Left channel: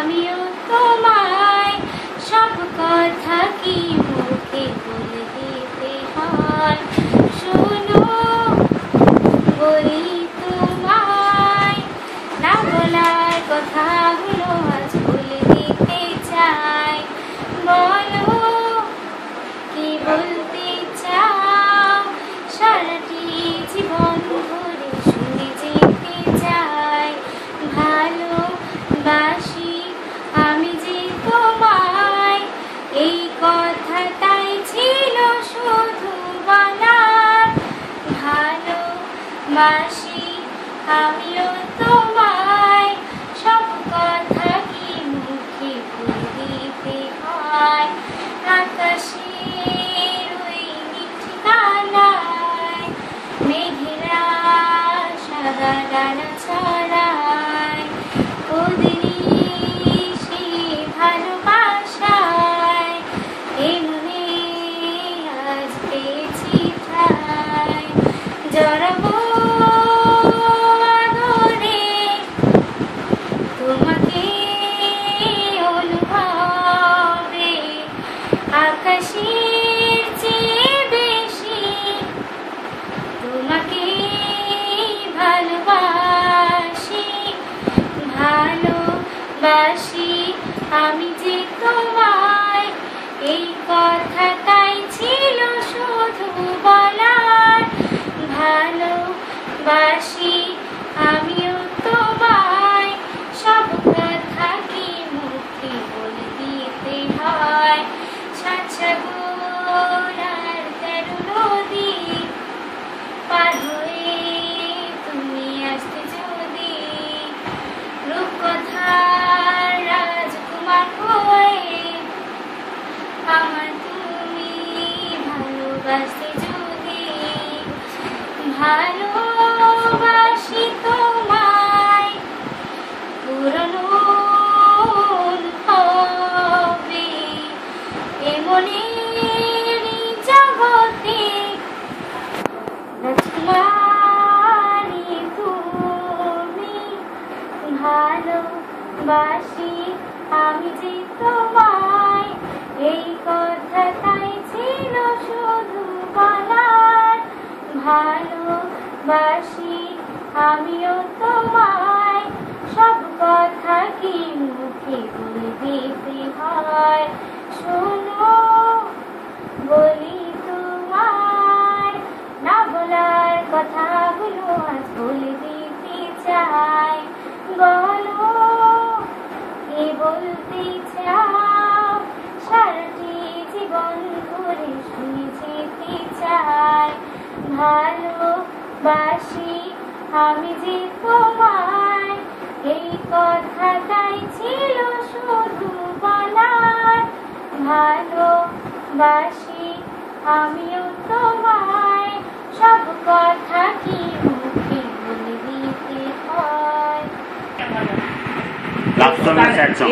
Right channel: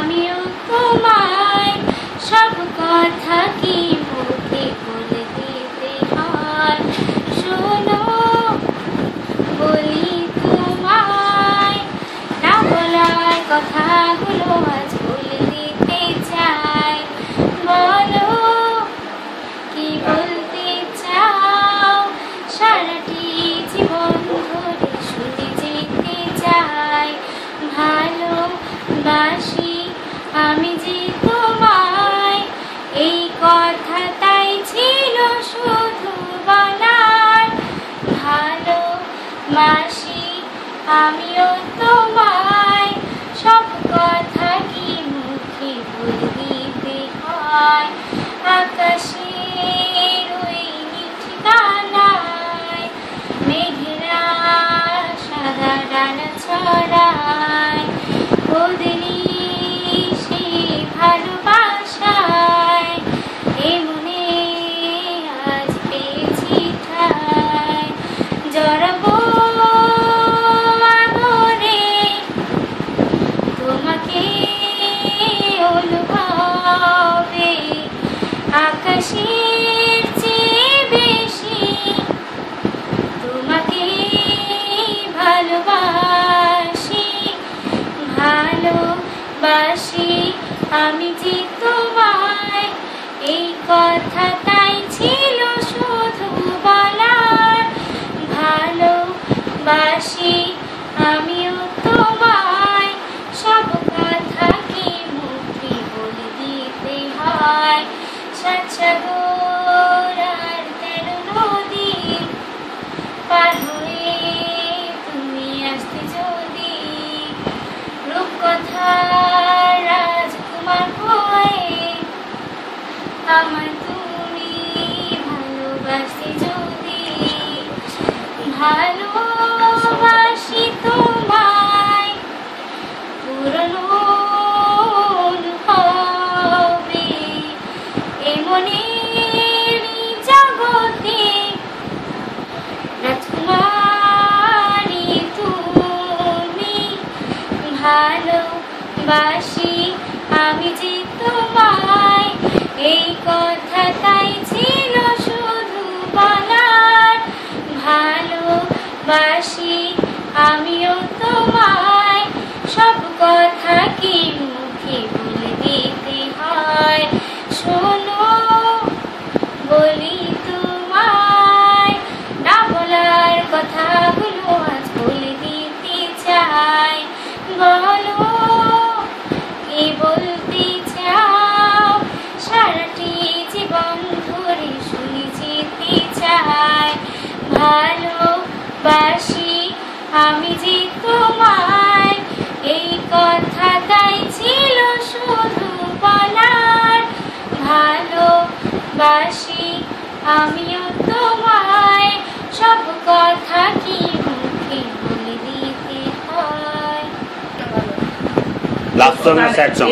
আমিও তোমায় সব কথা কি মুখে বলে দিতে হয়। শোনো বলি তোমায়, না বলার কথাগুলো আজ বলে দিতে চাই। বলো কি বলতে চাও, সারাটি জীবন ধরে শুনে যেতে চাই। ভালোবাসি আমি যে তোমায়, এই কথাটাই ছিল শুধু বলার। ভালোবাসি আমিও তোমায় সব কথা কি মুখে বলে দিতে হয়। আকাশের ওই ঠিকানায় মেঘেরা সাদা ডানা ছড়ায়, ওদেরই সেই ভালোবাসায় এ মনে আজ পেয়েছি ঠাই। জড়াবো আদরে তোমাকে অনুভবে, আকাশের চেয়ে বেশি তোমাকে ভালোবাসি। ভালোবাসি আমি যে তোমায়, এই কথাটাই ছিল শুধু বলার। ভালোবাসি আমিও তোমায় সব কথা কি মুখে বলে দিতে হয়। সাত সাগর আর 13 নদী পার হয়ে তুমি আসতে যদি, রূপকথার রাজকুমার হয়ে আমার তুমি ভালোবাসতে যদি। ভালোবাসি তোমায় পুরনো অনুভবে, এমনের জগতে রাজকুমারী তুমি। ভালোবাসি আমি যে তোমায়, এই কথাটাই ছিল শুধু বলার। ভালোবাসি আমিও তোমায় সব কথা কি মুখে বলে দিতে হয়। শোনো বলি তোমায়, না বলার কথাগুলো আজ বলে দিতে চাই। বলো কি বলতে চাও, সারাটি জীবন ধরে শুনে যেতে চাই। ভালোবাসি আমি যে তোমায়, এই কথাটাই ছিল শুধু বলার। ভালোবাসি আমিও তোমায় সব কথা কি মুখে বলে দিতে হয়। লাভ সং না স্যাড সং?